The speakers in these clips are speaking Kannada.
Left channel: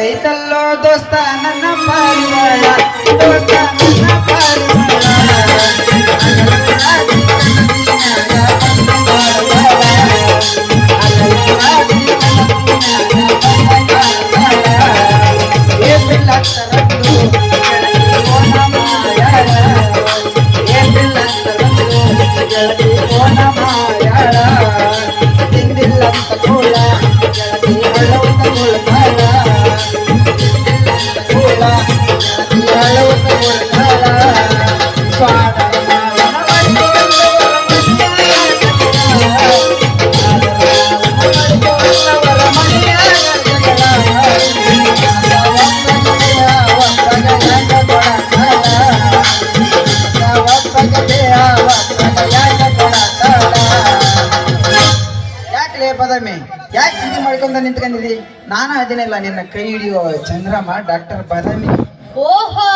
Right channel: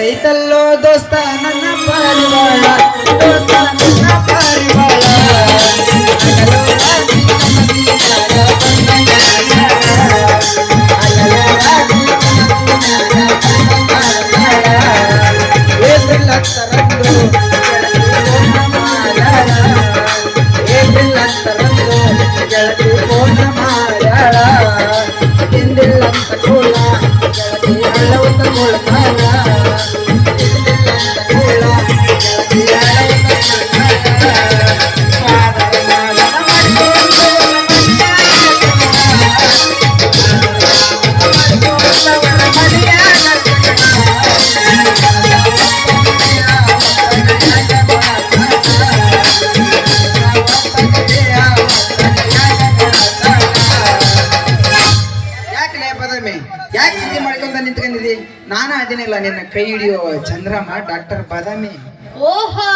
ಐತಲ್ಲೋ ದೋಸ್ತ ನನ್ನ ಪಾರಿವಾಳ ದೋಸ್ತ ನನ್ನ ಪಾರಿವಾಳ ಏಪ್ರಿಲ್ 10ರಂದು ಗೆಳತಿ ಓನ ಮಾಯಾಳ ಹಿಂದಿಲ್ಲಂತ ಕೋಲ ಗೆಳತಿ ಹಳ್ಳವಂತ ಕೋಳಕಾಲ ಕೋಲ ಗೆಳತಿ ಹಳ್ಳವಂತ ಕೋಳಕಾಲ ಸ್ವಾಡದ ಮಾವನ ಯಾಕೆ ಚಿಂತೆ ಮಾಡ್ಕೊಂಡ ನಿಂತ್ಕೊಂಡಿದಿ? ನಾನು ಅದೇನಿಲ್ಲ ನಿನ್ನ ಕೈ ಹಿಡಿಯೋ ಚಂದ್ರಮ್ಮ ಡಾಕ್ಟರ್ ಬಾದಾಮಿ. ಓಹೋ,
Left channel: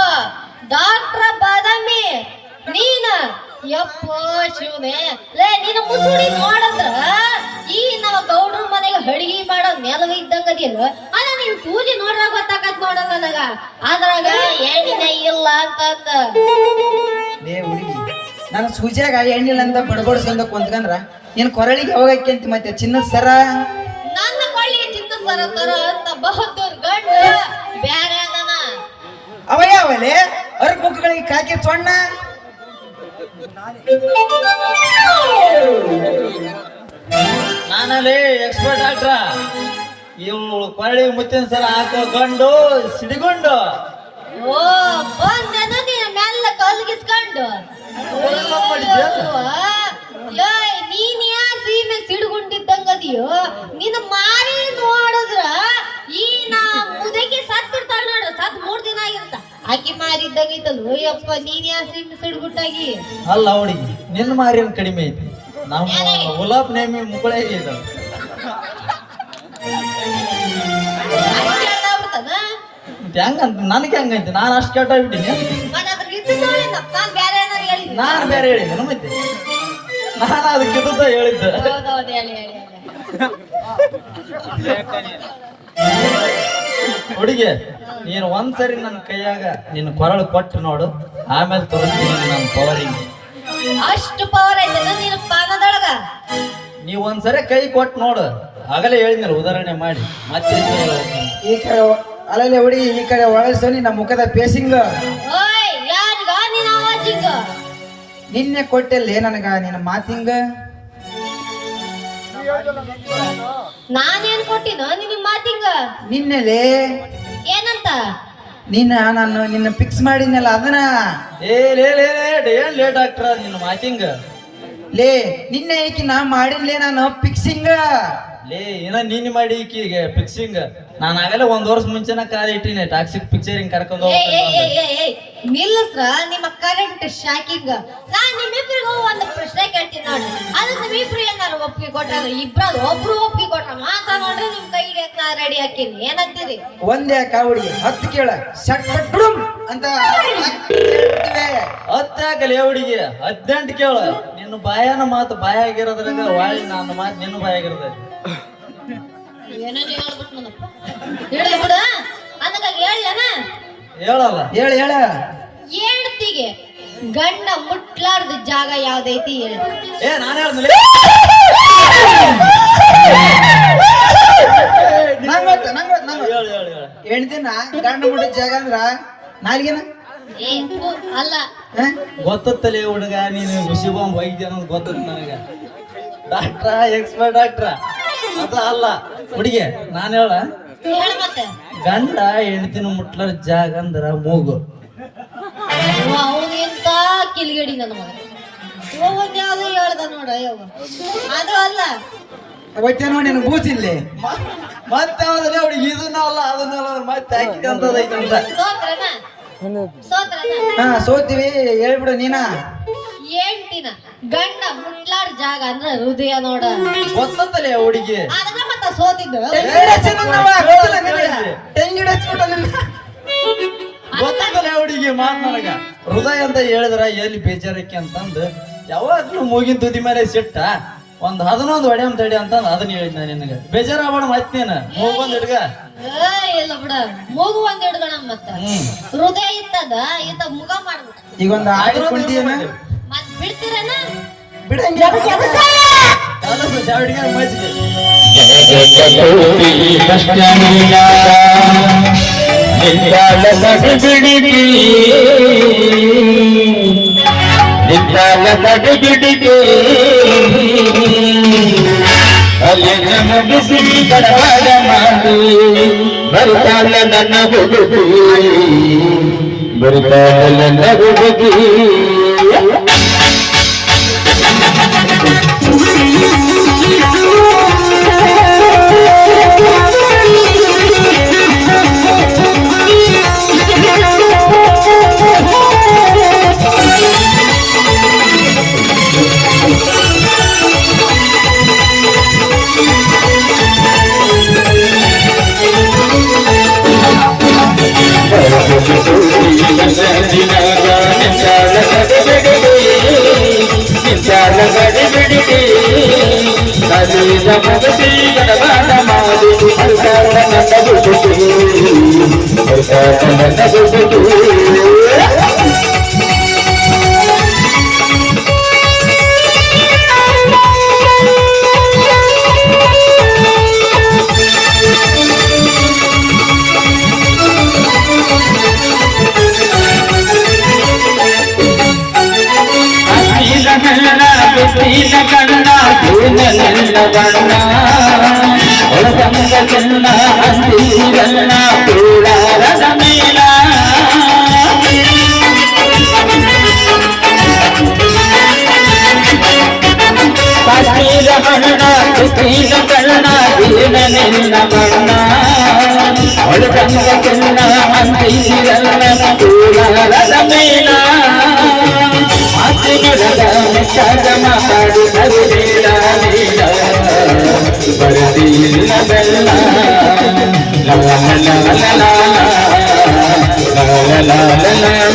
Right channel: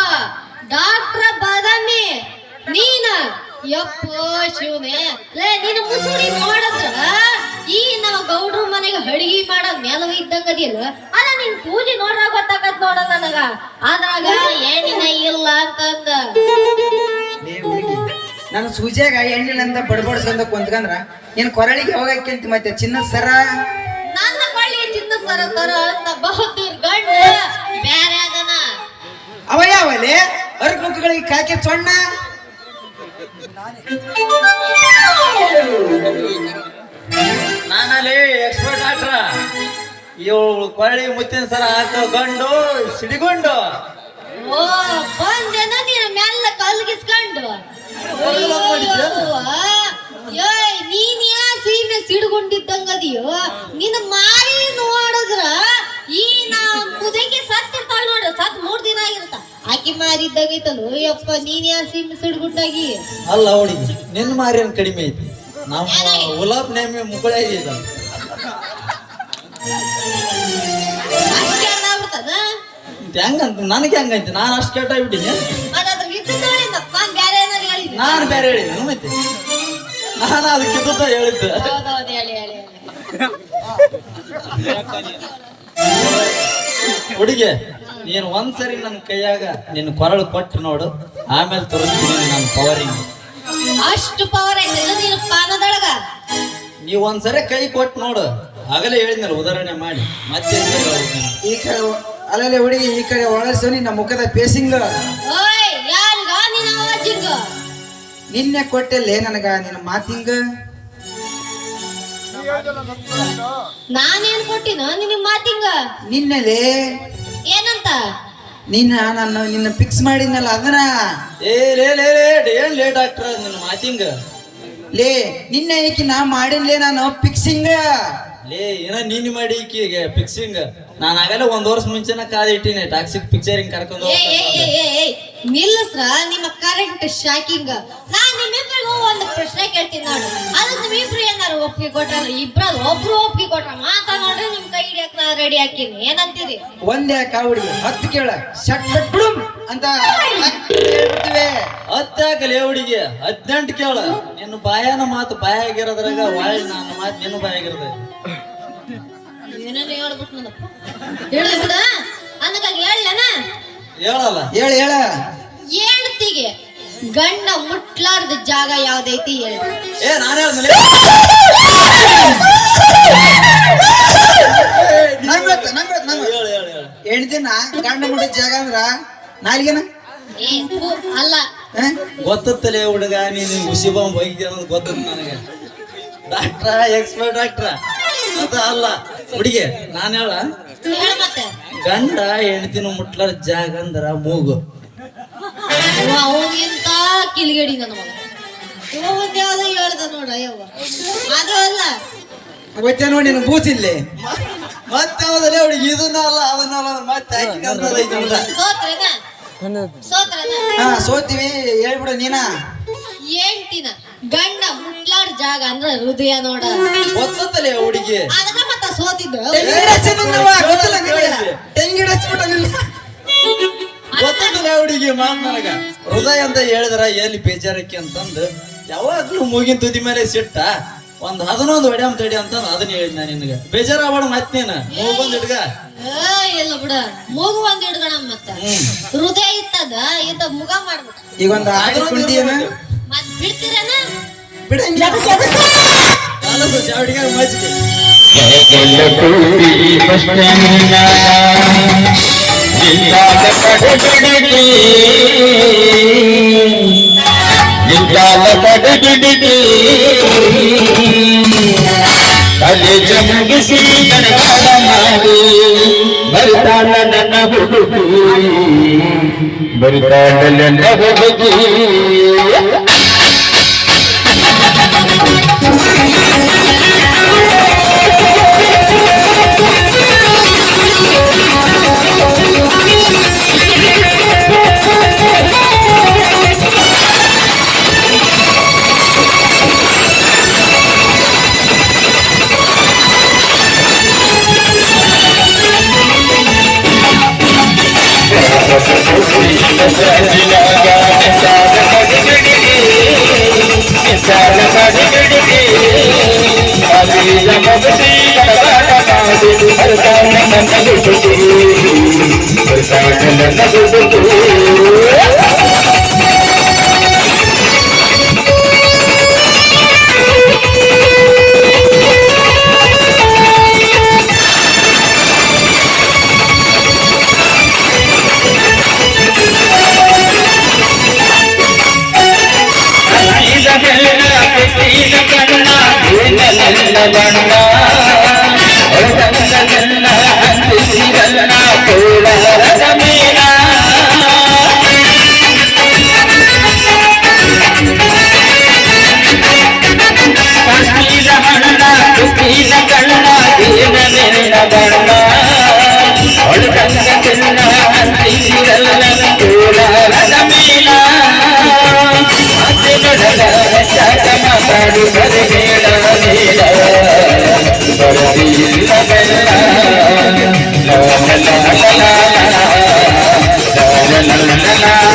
ಡಾಕ್ಟರ್ ಬಾದಾಮಿ ನೀನ? ಯಪ್ಪೋ ಶಿವನೇ, ಲೇ ನಿನ್ನ ಮುಸುಡಿ ನೋಡದ್ರ ಈ ನಾವು ಗೌಡ್ರ ಮನೆಗೆ ಅಡಿಗೆ ಮಾಡೋ ಮೇಲವ ಇದ್ದಂಗ ಅದಿಲ್ಲ. ಅಲ್ಲ ನಿನ್ ಸೂಜಿ ನೋಡ್ರ ಗೊತ್ತಾಗತ್ ನೋಡ ನನಗ, ಅದ್ರಾಗ ಏನಿನ ಇಲ್ಲ ಅಂತಂದ. ಲೇ ಹುಡುಗಿ, ನಾನು ಸೂಜಿಯಾಗ ಎಣ್ಣಿಲ್ಲ ಅಂತ ಬಡಬಡ್ಸಂದ ಕುಂತ್ಕಂದ್ರ ನೀನ್ ಕೊರಳಿಗೆ ಹೋಗಕ್ಕೆ ಮತ್ತೆ ಚಿನ್ನದ ಸರ ನನ್ನ ಕೊಳ್ಳಿ ಚಿನ್ನ ಸರ ತರ ಅಂತ ಬಹುದೂರ್ ಗಂಡ ಬ್ಯಾರೆ ಅದನ. ಅವಯಾವಲೆ ಅರ್ಕ ಮುಖಗಳಿಗೆ ಕಾಕೆ ಸೊಣ್ಣ ನಾನಲ್ಲಿ ಎಕ್ಸ್ಪರ್ಟ್ ಆಟ್ರ ಇವಳು ಕೊಳ್ಳಿ ಮುತ್ತಿನ ಸರ ಹಾಕೋ ಗಂಡು ಸಿಡಿಗೊಂಡು. ಓ ಬಂದೇನ ನೀನು ಮೆಲ್ಲ ಕಲ್ಗಿಸ್ಕೊಂಡು. ನೀನ್ ಯಾ ಸೀಮೆ ಸಿಡ್ಕೊಂಡಿದ್ದಂಗದಿಯೋ, ನಿನ್ನ ಮಾರಿ ನೋಡಿದ್ರ ಈ ನಾ ಮುದಕ್ಕೆ ಸತ್ತಿರ್ತಾಳ ನೋಡ್ರ, ಸತ್ 3 ದಿನ ಆಗಿರ್ತ. ಆಕಿ ಮಾರಿದ್ದಾಗೈತಲ್ಲ ಯಪ್ಪ, ನೀನ್ ಯಾ ಸೀಮೆ ಸಿಡ್ಗುಟ್ಟಾಗಿ. ಅಲ್ಲ ಹುಡುಗಿ, ನಿನ್ನ ಮಾರಿಯನ್ ಕಡಿಮೆ ಐತಿ, ನಮ್ಮ ಗುಲಾಬ್ ನೇಮಿ ಮುಗುಳೆ ಇದೆ. ಅಷ್ಟೇ ಆಗ್ಬಿಡ್ತದ ಹೆಂಗಂತ ನನಗೆ ಹೆಂಗೈತಿ? ನಾನು ಅಷ್ಟು ಕೆಟ್ಟಾಗ್ಬಿಟ್ಟಿನಿ. ನಾನು ಬೇರೆ ಹೇಳಿದ್ದೆ ಮತ್ತೆ, ನಾನು ಅದಕ್ಕೆ ಹೇಳಿದ್ದೆ. ಹುಡುಗಿ, ನೀನು ಒಂದ್ಸರಿ ನನ್ನ ಕೈಯಾಗ ನಿನ್ನ ಕೊರಳು ಕೊಟ್ಟು ನೋಡು, ಆಮೇಲೆ ತೋರಿಸ್ತೀನಿ ನನ್ನ ಪವರಿಂಗ್. ಅಷ್ಟು ಪವರ್ ಐತೆ ನಿನ್ನ ಪಾನದೊಳಗ. ನೀವು ಒಂದ್ಸರಿ ಕೈ ಕೊಟ್ಟು ನೋಡು, ಆಗಲೇ ಹೇಳಿದ್ನಲ್ಲ ಉದಾಹರಣೆ ಮಾಡಿ. ಮತ್ತೆ ಈ ಕಡೆ ಅಲ್ಲಲ್ಲಿ ಹುಡುಗಿ ಈ ಕಡೆ ಒಳಸೋನಿ ನಮ್ಮ ಮುಖದ ಪೇಸಿಂಗ್ ನಿನ್ನೆ ಕೊಟ್ಟೆಲ್ಲೇ ನನಗ ನಿನ್ನ ಮಾತಿಂಗ. ನಾನೇನ್ ಕೊಟ್ಟಿನ ನಿನ್ನ ಮಾತಿಂಗ? ನಿನ್ನೆಲೇ ಏನಂತ? ನಿನ್ನ ಫಿಕ್ಸ್ ಮಾಡಿದ್ನಲ್ಲ ಅದನ್ನ. ಏನ್ ಲೇಟ್ ಆಗ್ತಾರ ನಿನ್ನ ಮಾತಿಂಗ? ಲೇ ನಿನ್ನೆ ಈಕಿ ನಾ ಮಾಡಿನ್ಲೇ ನಾನು ಫಿಕ್ಸಿಂಗ್. ಲೇ ಇನ್ನ ನೀನ್ ಮಾಡಿ ಈಕಿಗೆ ಫಿಕ್ಸಿಂಗ್. ನಾನು ಆಗಲೇ 1 ವರ್ಷ ಮುಂಚೆನ ಕಾಲ್ ಇಟ್ಟಿನಿ ಟಾಕ್ಸಿಕ್ ಪಿಕ್ಚರಿಂಗ್ ಕರ್ಕೊಂಡು. ನಿಲ್ಲಿಸ್ರ ನಿಮ್ಮ ಕರೆಂಟ್ ಶಾಕಿಂಗ್. ನಾನ್ ನಿಮ್ಮಿಬ್ರಿಗೂ ಒಂದು ಪ್ರಶ್ನೆ ಕೇಳ್ತೀನಿ ನೋಡಿ, ಅದನ್ನ ನಿಮ್ಮಿಬ್ರು ಏನಾರು ಒಪ್ಪಿಗೆ ಕೊಟ್ಟಾರ? ಇಬ್ರದು ಒಬ್ರು ಒಪ್ಪಿಗೆ ಕೊಟ್ರ ಮಾತಾ ನೋಡ್ರಿ, ನಿಮ್ ಕೈ ಹಿಡಿಯಕ್ ನಾ ರೆಡಿ ಹಾಕಿನಿ. ಏನಂತೀರಿ? ಒಂದೇ ಕಾವಡಿ 10 ಕೇಳ ಶಟ್ ಅಂತ 10 ಹಾಕಲೇ ಹುಡುಗಿ, 18 ಕೇಳ. ನಿನ್ನ ಬಾಯನ ಮಾತು ಬಾಯಾಗಿರೋದ್ರಾಗ ಒಳ್ಳೆ ನನ್ನ ಮಾತು ನಿನ್ನ ಬಾಯಾಗಿರೋದ. ಏನಲ್ಲಿ ಹೇಳ್ಬಿಟ್ಟು ನನಪ್ಪ ಹೇಳಿ ಬಿಡ ಅನ್ನಕಾಗ ಹೇಳಲೇನ? ಹೇಳಲ್ಲ. ಹೇಳ ಹೆಂಡತಿಗೆ ಗಂಡ ಮುಟ್ಲಾರ್ದ ಜಾಗ ಯಾವ್ದೈತಿ ಹೇಳಿ? ನಾನು ಹೇಳಿದ್ಮೇಲೆ ಹೆಣ್ದಿನ ಗಂಡ ಮುಟ್ಟಿದ ಜಾಗ ಅಂದ್ರ ನಾಲ್ಗಿನ ಅಲ್ಲ. ಗೊತ್ತತ್ತಲೇ ಹುಡುಗ, ನೀನು ಹುಸಿಬಾಂಬ್ ವೈದ್ಯ ಅನ್ನೋದು ಗೊತ್ತ ನನಗೆ. ಡಾಕ್ಟ್ರ, ಎಕ್ಸ್ಪರ್ಟ್ ಡಾಕ್ಟ್ರ ಅದ ಅಲ್ಲ ಹುಡುಗಿ. ನಾನು ಹೇಳ ಮತ್ತೆ ಗಂಡ ಹೆಣ್ತಿನ ಮುಟ್ಲಾರ ಜಾಗ ಅಂದ್ರ ಮೂಗು. ಅವನಿಂತ ಕಿಲಿಗಡಿ ನನ್ನ ಮಗ ಹೋಗೋದ್ ಯಾವ್ದು ಹೇಳ್ದ ನೋಡ ಯವ್ವ, ಅದು ಅಲ್ಲ. ಅವತ್ತೇ ನೋಡಿ ನೀನು ಬೂಚಿಲ್ಲಿ ಮತ್ತೆ ಯಾವ್ದಲ್ಲ ಹುಡುಗಿ, ಇದನ್ನ ಅಲ್ಲ ಅದನ್ನ ಅಲ್ಲ ಮತ್ತೆ ಸೋತೀವಿ ಹೇಳ್ಬಿಡು ನೀನ. ಹೇಳ್ತೀನ, ಗಂಡ ಮುಟ್ಲಾಡ್ ಜಾಗ ಅಂದ್ರ ಹೃದಯ ನೋಡ. ಗೊತ್ತಲ್ಲೇ ಹುಡುಗಿ, ಅದನ್ನ ಮತ್ತ ಸೋತಿದ್ದು ಗೊತ್ತಲ್ಲ ಹುಡುಗಿ ಮಾತ್ ನನಗ. ಹೃದಯ ಅಂತ ಹೇಳಿದ್ರ ಎಲ್ಲಿ ಬೇಜಾರಕ್ಕೆ ಅಂತಂದು ಯಾವಾಗ್ಲೂ ಮೂಗಿನ ತುದಿ ಮೇಲೆ ಸಿಟ್ಟ ಒಂದ್ 11 ಹೊಡೆಯಂ ತಡಿ ಅಂತ ಅದನ್ನ ಹೇಳಿದ್ ನಾನು ನಿನಗೆ ಬೇಜಾರಾಗ್ಬೇಡ ಮತ್ತೆ ನೀನು ಮೂಗೊಂದ್ ಹಿಡ್ಗ ಇಲ್ಲ ಬಿಡ ಮೂಗು ಒಂದ್ ಹಿಡ್ಗಣ ಮತ್ತ ಹೃದಯ ಇತ್ತದ ಇತ್ತ ಮುಗ ಮಾಡ್ಬಿಟ್ಟ ಈಗ ಒಂದು ಆಡಿ ಕುಂಡಿನ ಮತ್ ಬಿಡ್ತೀರನ ಬಿಡಂಗಿಲ್ಲ ಕಾಲಸ ಚಾವಡಿಗೆ ಮಜ್ಜಿಗೆ ನಿಂತಾಲ ಕಡಬಿಡಿಗೆ ಅಲ್ಲಿ ಜಮಗಿಸಿ ಕಡವಾಡ ಮಾಡಿ ಬರ್ತಾಳ ನನ್ನ ಹುಡುಗಿ ಬರ್ತಾಳ ನನ್ನ ಹುಡುಗಿ ಕಣ್ಣ ಬಣ್ಣ ಅಂದಿಸಿರಲ್ಲ ಕೋಲಾರದ ಮೇಲ ಕಾಶ್ಮೀರ ಬಣ್ಣ ಸುಖೀನ ಕಣ್ಣ ದೀನ ನಿನ್ನ ಬಣ್ಣ ಒಳಗಂಗ ಚಿನ್ನ ಅಂದಿಸಿರಲ್ಲ ಕೋಲಾರದ ಮೇಲ ಮಾತಾಡಿ ಬರಬೇಡ ನೀಲ ಬರದಿಲ್ಲ ಬೆಲ್ಲ la la la la la la la la la la